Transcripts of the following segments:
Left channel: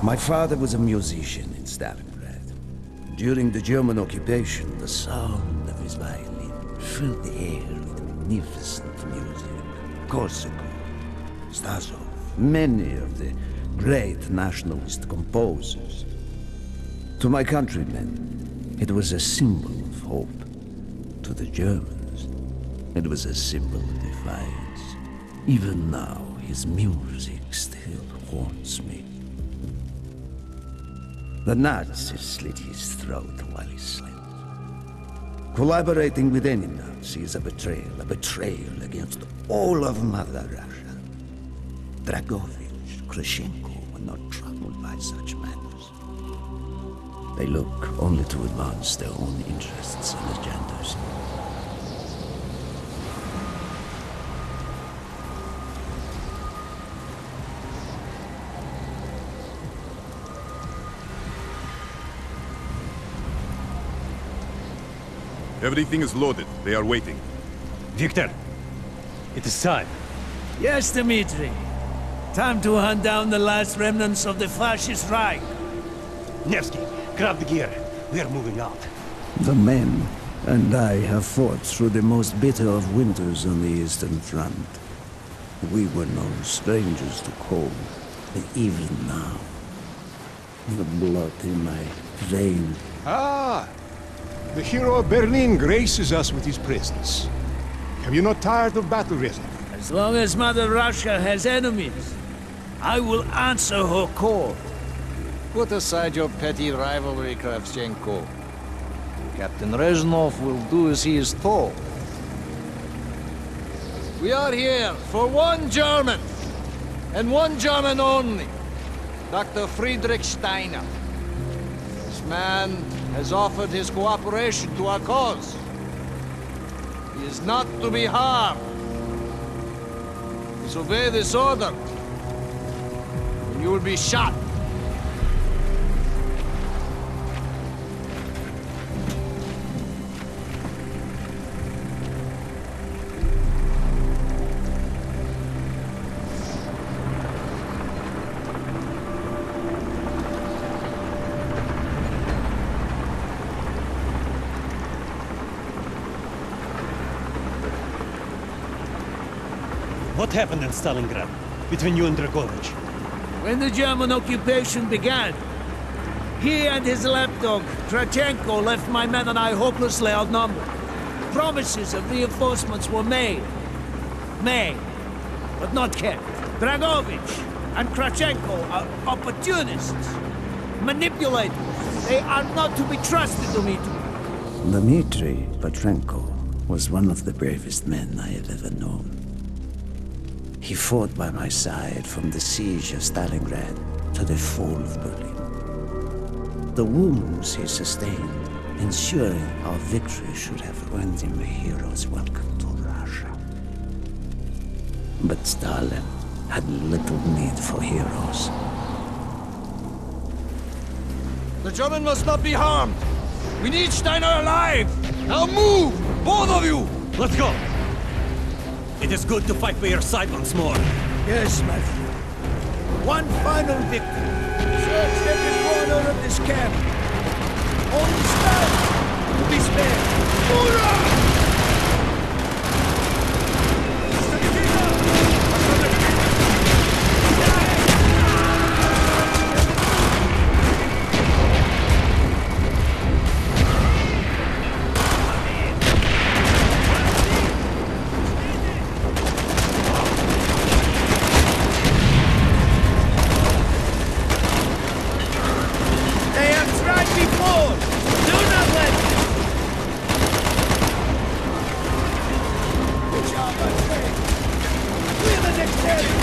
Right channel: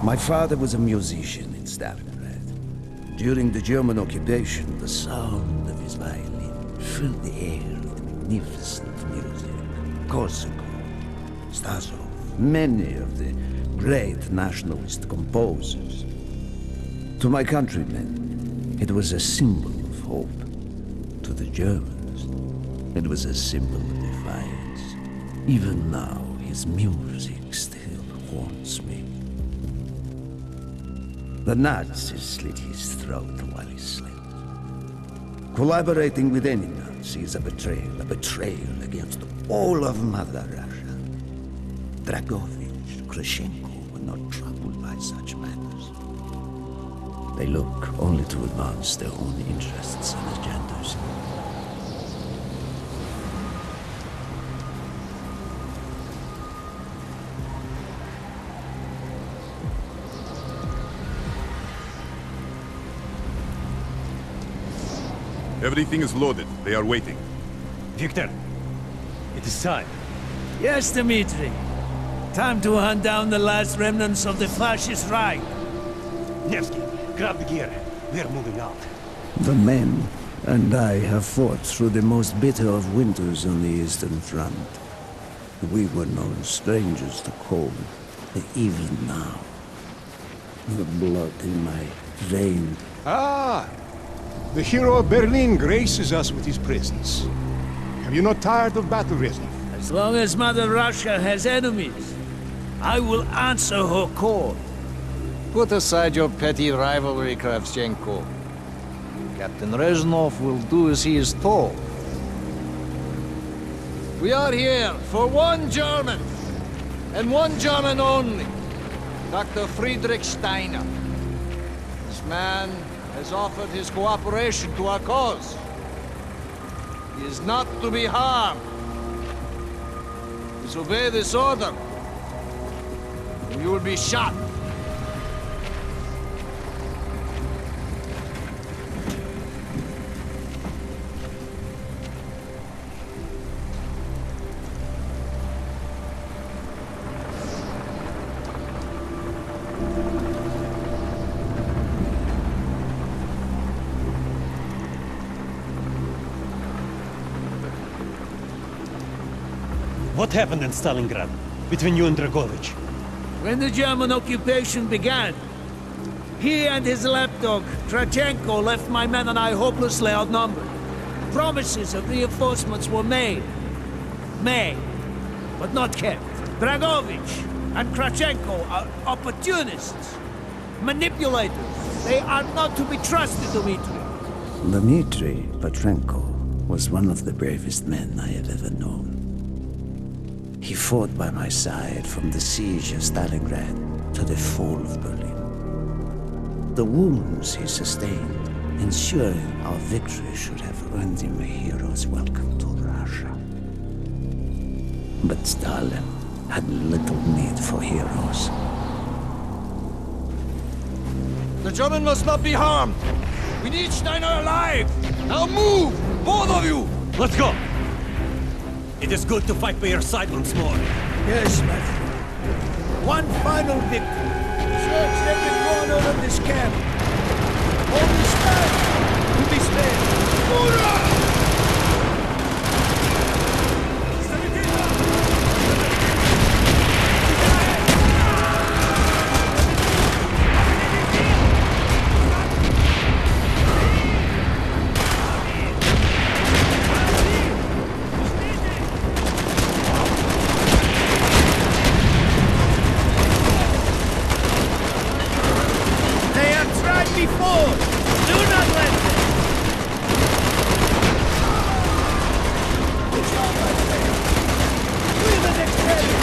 My father was a musician in Stalingrad. During the German occupation, the sound of his violin filled the air with magnificent music. Korsakov, Stasov, many of the great nationalist composers. To my countrymen, it was a symbol of hope. To the Germans, it was a symbol of defiance. Even now, his music still haunts me. The Nazis slit his throat while he slept. Collaborating with any Nazi is a betrayal against all of Mother Russia. Dragovich, Krashenko were not troubled by such matters. They look only to advance their own interests and agendas. Everything is loaded. They are waiting. Victor, it is time. Yes, Dmitri. Time to hunt down the last remnants of the fascist Reich. Nevsky, grab the gear. We are moving out. The men and I have fought through the most bitter of winters on the Eastern Front. We were no strangers to cold, but even now, the blood in my veins. Ah! The hero of Berlin graces us with his presence. Have you not tired of battle, Reznov? As long as Mother Russia has enemies, I will answer her call. Put aside your petty rivalry, Kravchenko. Captain Reznov will do as he is told. We are here for one German, and one German only. Dr. Friedrich Steiner. This man has offered his cooperation to our cause. He is not to be harmed. Disobey this order, and you will be shot. What happened in Stalingrad between you and Dragovich? When the German occupation began, he and his lapdog, Krachenko, left my men and I hopelessly outnumbered. Promises of reinforcements were made, but not kept. Dragovich and Krachenko are opportunists, manipulators. They are not to be trusted, Dmitri. Dmitri Petrenko was one of the bravest men I have ever known. He fought by my side from the siege of Stalingrad to the fall of Berlin. The wounds he sustained, ensuring our victory, should have earned him a hero's welcome to Russia. But Stalin had little need for heroes. The German must not be harmed. We need Steiner alive. Now move, both of you. Let's go! It is good to fight by your side once more. Yes, my friend. One final victory. Search every corner of this camp. Only stand to be spared. Hurrah! They have tried before. Do not let them. Push on, my friends. Clear the next area.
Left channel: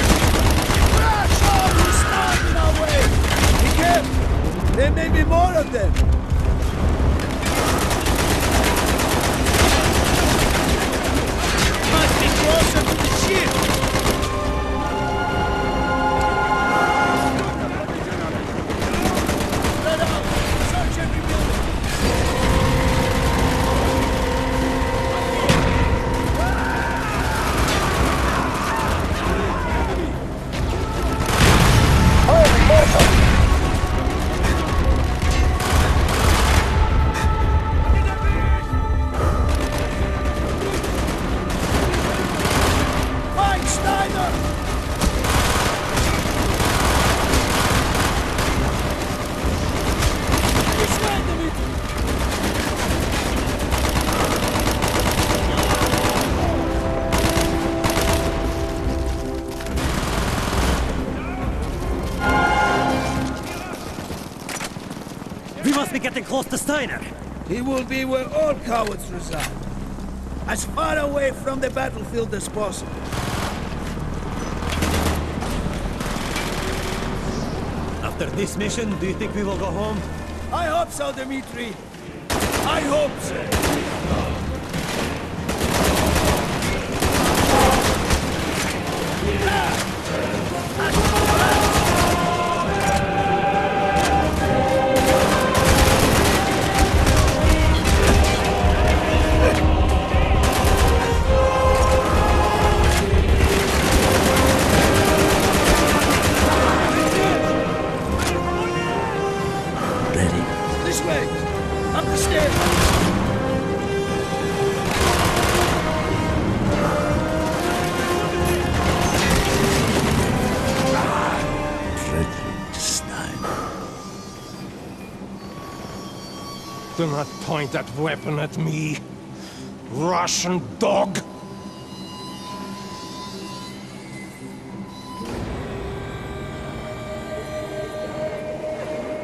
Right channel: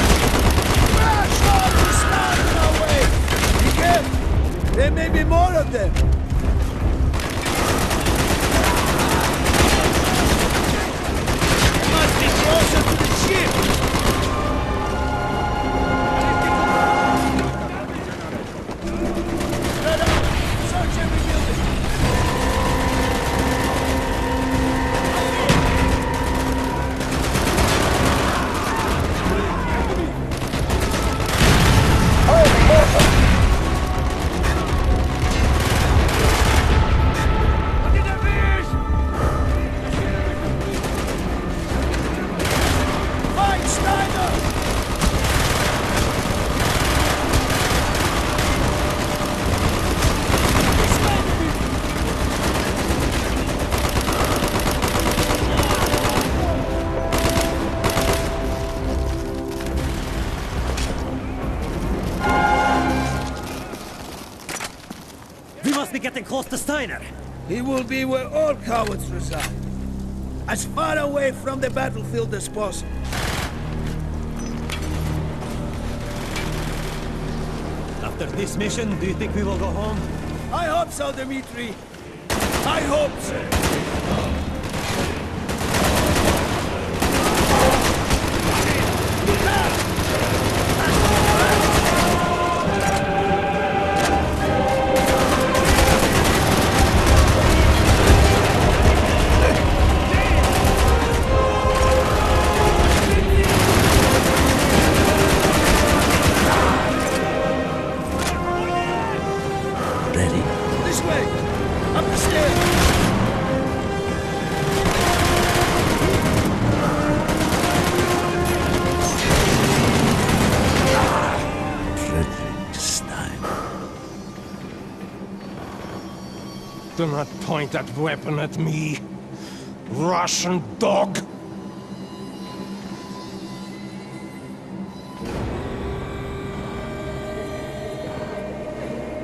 Crash all who stand in our way. Be careful. There may be more of them. They must be closer to the ship. Spread out. Search every building. Holy Martha! be getting close to Steiner. He will be where all cowards reside. As far away from the battlefield as possible. After this mission, do you think we will go home? I hope so, Dmitri. I hope so. Ready? This way! Up the stairs! Frederick Steiner. Do not point that weapon at me, Russian dog!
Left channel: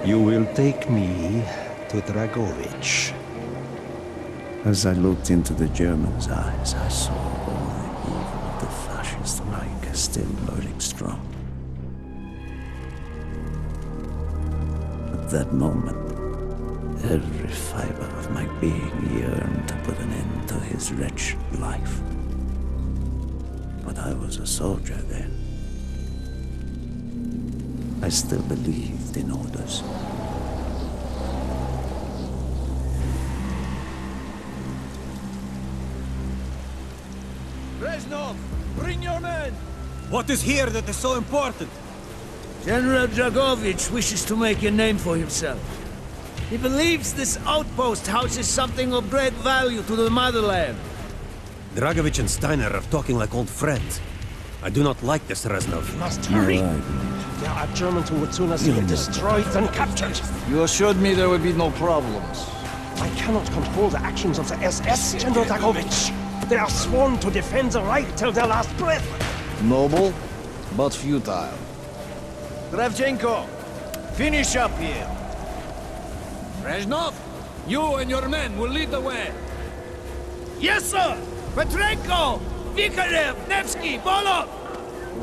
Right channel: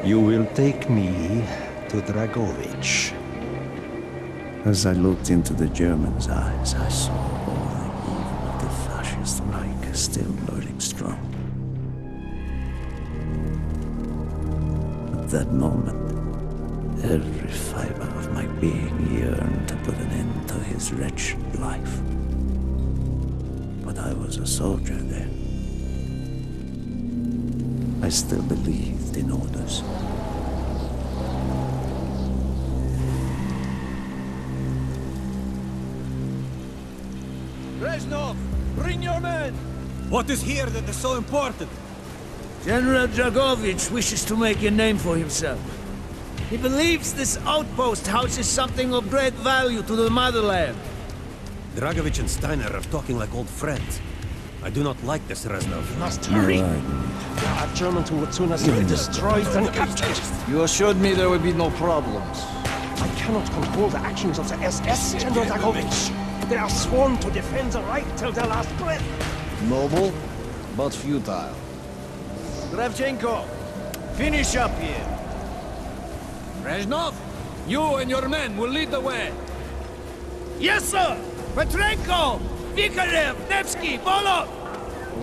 You will take me to Dragovich. As I looked into the German's eyes, I saw all the evil of the fascist Reich still burning strong. At that moment, every fiber of my being yearned to put an end to his wretched life. But I was a soldier then. I still believed in orders. Reznov, bring your men! What is here that is so important? General Dragovich wishes to make a name for himself. He believes this outpost houses something of great value to the motherland. Dragovich and Steiner are talking like old friends. I do not like this, Reznov. We must hurry! You're right, Dmitri. There are Germans who would sooner see it destroyed than captured. You assured me there would be no problems. I cannot control the actions of the SS, General Dragovich. They are sworn to defend the Reich till their last breath. Noble, but futile. Kravchenko, finish up here. Reznov, you and your men will lead the way. Yes, sir! Petrenko! Vikarev! Nevsky! Volov!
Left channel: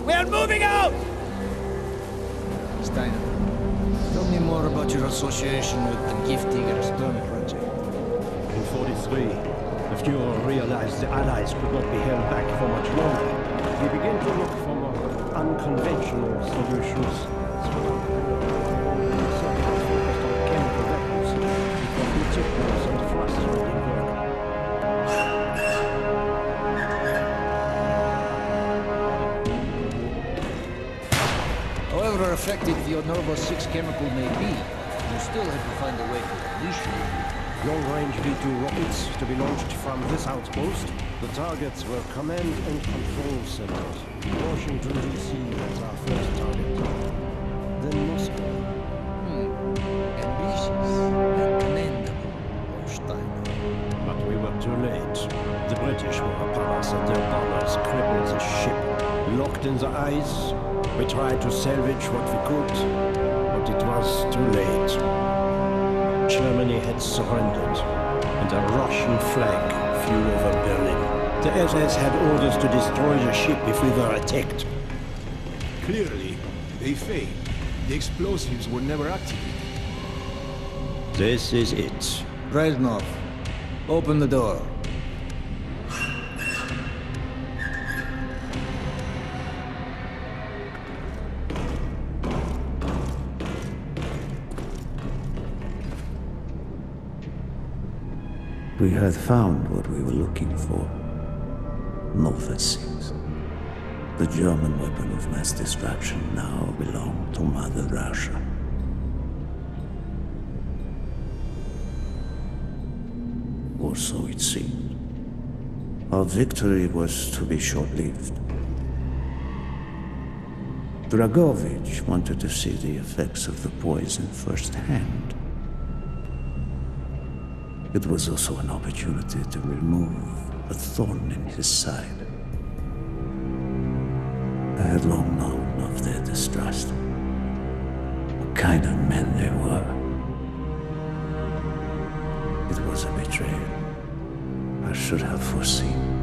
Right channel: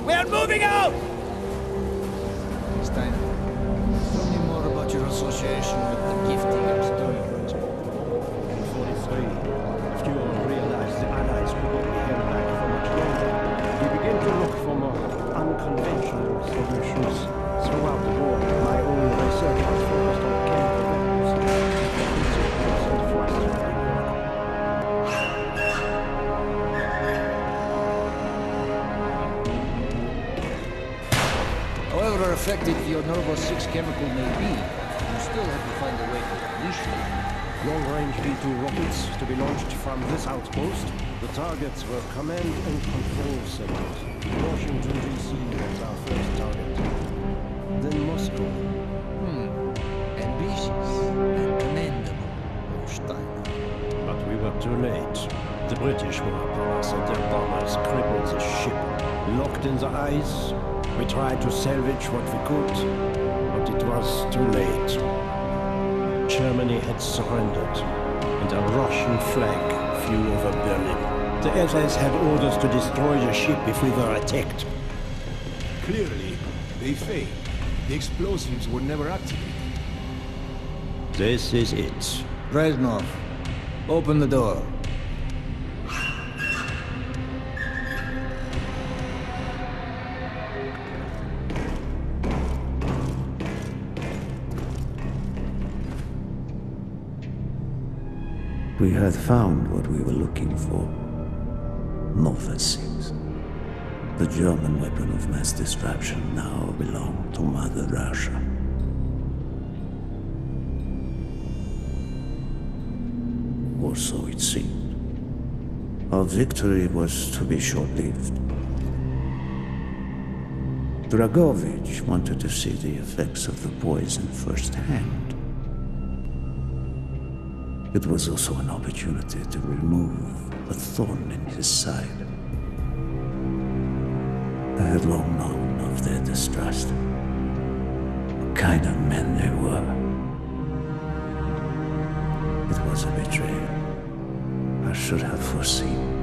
We are moving out! Steiner, tell me more about your association with the Giftiger Stern project. In 43, the Fuhrer realized the Allies could not be held back for much longer. We began to look for more unconventional solutions. Throughout the war, my own research was focused on chemical weapons. It was meticulous and frustrating work. However effective your Novo 6 chemical may be, you still have to find a way to unleash it. Long-range V2 rockets to be launched from this outpost. The targets were command and control centers. Washington, D.C. was our first target. Then Moscow. Ambitious and commendable, Herr Steiner. But we were too late. The British were upon us and their bombers crippled the ship. Locked in the ice, we tried to salvage what we could, but it was too late. Germany had surrendered, and a Russian flag flew over Berlin. The SS had orders to destroy the ship if we were attacked. Clearly, they failed. The explosives were never activated. This is it. Reznov, open the door. We had found what we were looking for. Nova 6. The German weapon of mass destruction now belonged to Mother Russia. Or so it seemed. Our victory was to be short-lived. Dragovich wanted to see the effects of the poison firsthand. It was also an opportunity to remove a thorn in his side. I had long known of their distrust. What kind of men they were. It was a betrayal. I should have foreseen.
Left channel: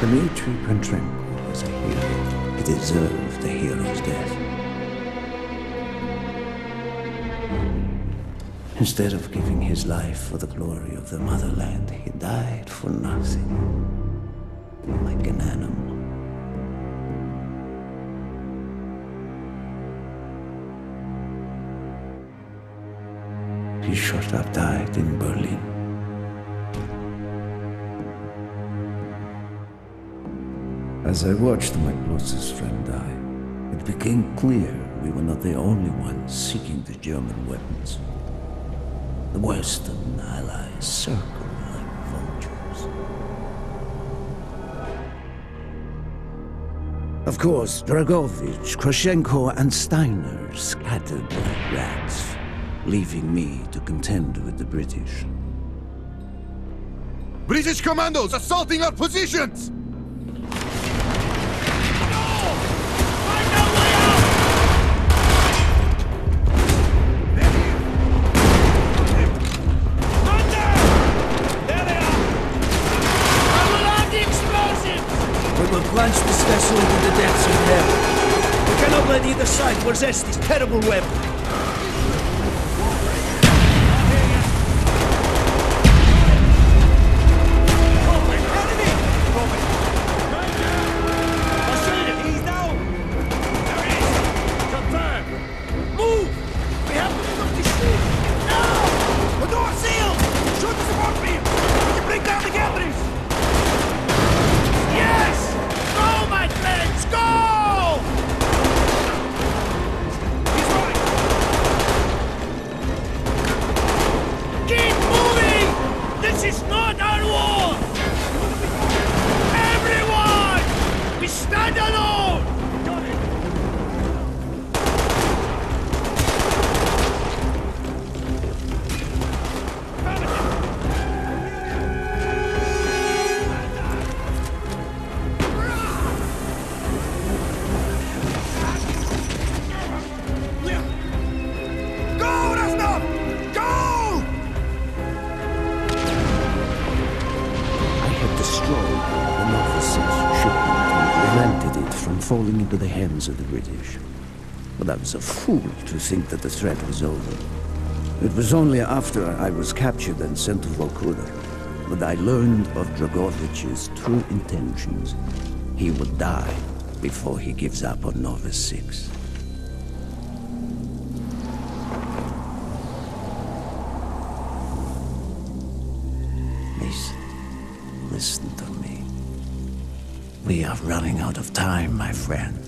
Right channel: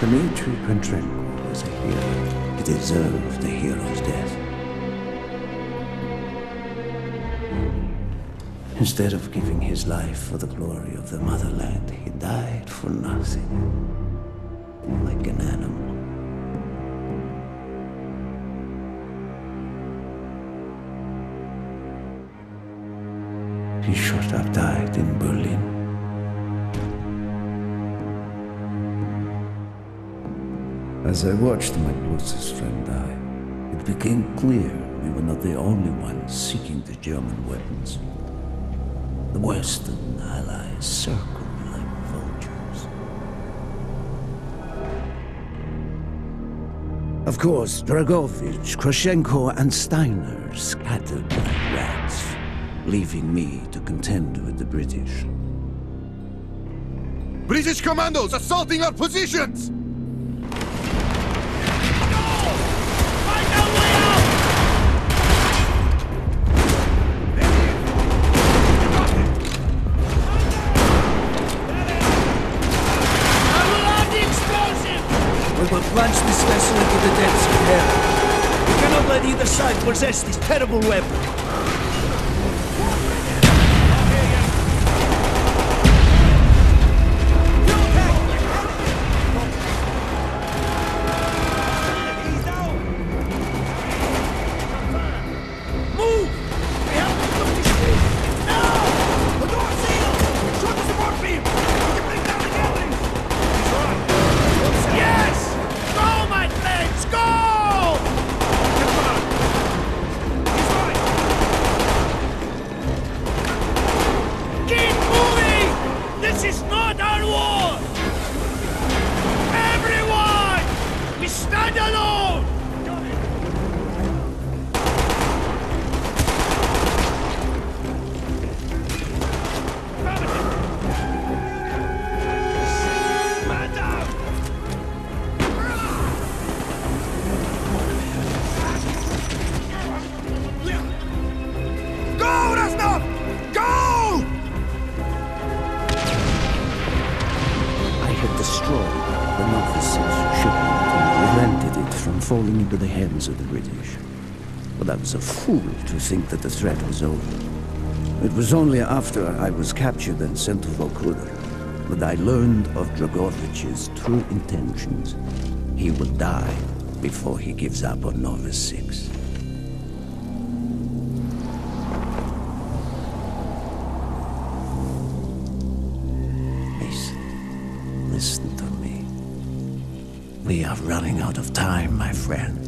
Dmitri Petrenko was a hero. He deserved a hero's death. Instead of giving his life for the glory of the motherland, he died for nothing, like an animal. He should have died in Berlin. As I watched my closest friend die, it became clear we were not the only ones seeking the German weapons. The Western allies circled like vultures. Of course, Dragovich, Krashenko, and Steiner scattered like rats, leaving me to contend with the British. British commandos assaulting our positions! Find our way out! There they are! I will have the explosives! We will plunge this vessel into the depths of hell. We cannot let either side possess this terrible weapon. I'll hear you. Enemy! Copy. Man down! I see him! He's down! There he is! Confirmed! Move! We have to get up to sleep! Now! The door's sealed! Shoot the support beam! We can bring down the gatherings! He's right! Yes! Go, my friends! Go! Confirmed! He's right! Keep moving! This is not our war! Everyone! We stand alone! Got it! Man down! Go, Reznov! Go! I had destroyed the Nova 6 shipment and prevented it from falling into the hands of the British. But I was a fool to think that the threat was over. It was only after I was captured and sent to Vorkuta that I learned of Dragovich's true intentions. He will die before he gives up on Nova 6. Mason, listen to me. We are running out of time, my friend.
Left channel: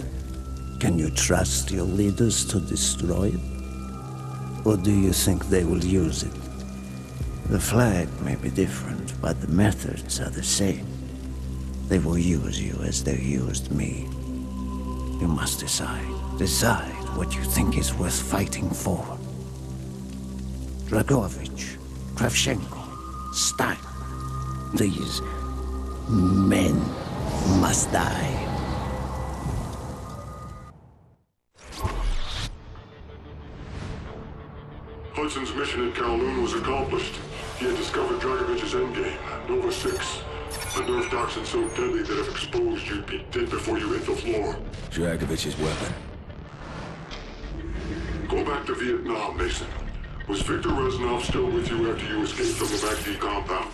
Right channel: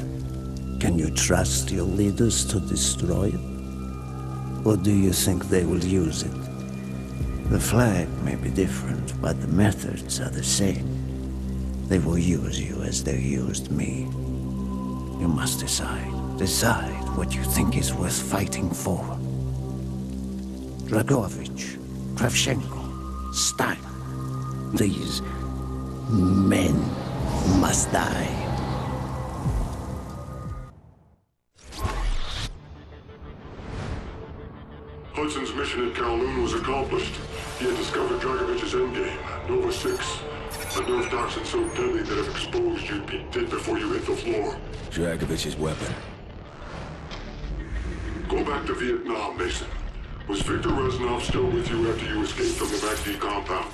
Can you trust your leaders to destroy it? Or do you think they will use it? The flag may be different, but the methods are the same. They will use you as they used me. You must decide. Decide what you think is worth fighting for. Dragovich, Kravchenko, Stein. These men must die. Hudson's mission at Kowloon was accomplished. He had discovered Dragovich's endgame, Nova 6. A nerve toxin so deadly that if exposed, you'd be dead before you hit the floor. Dragovich's weapon. Go back to Vietnam, Mason. Was Victor Reznov still with you after you escaped from the MACD compound?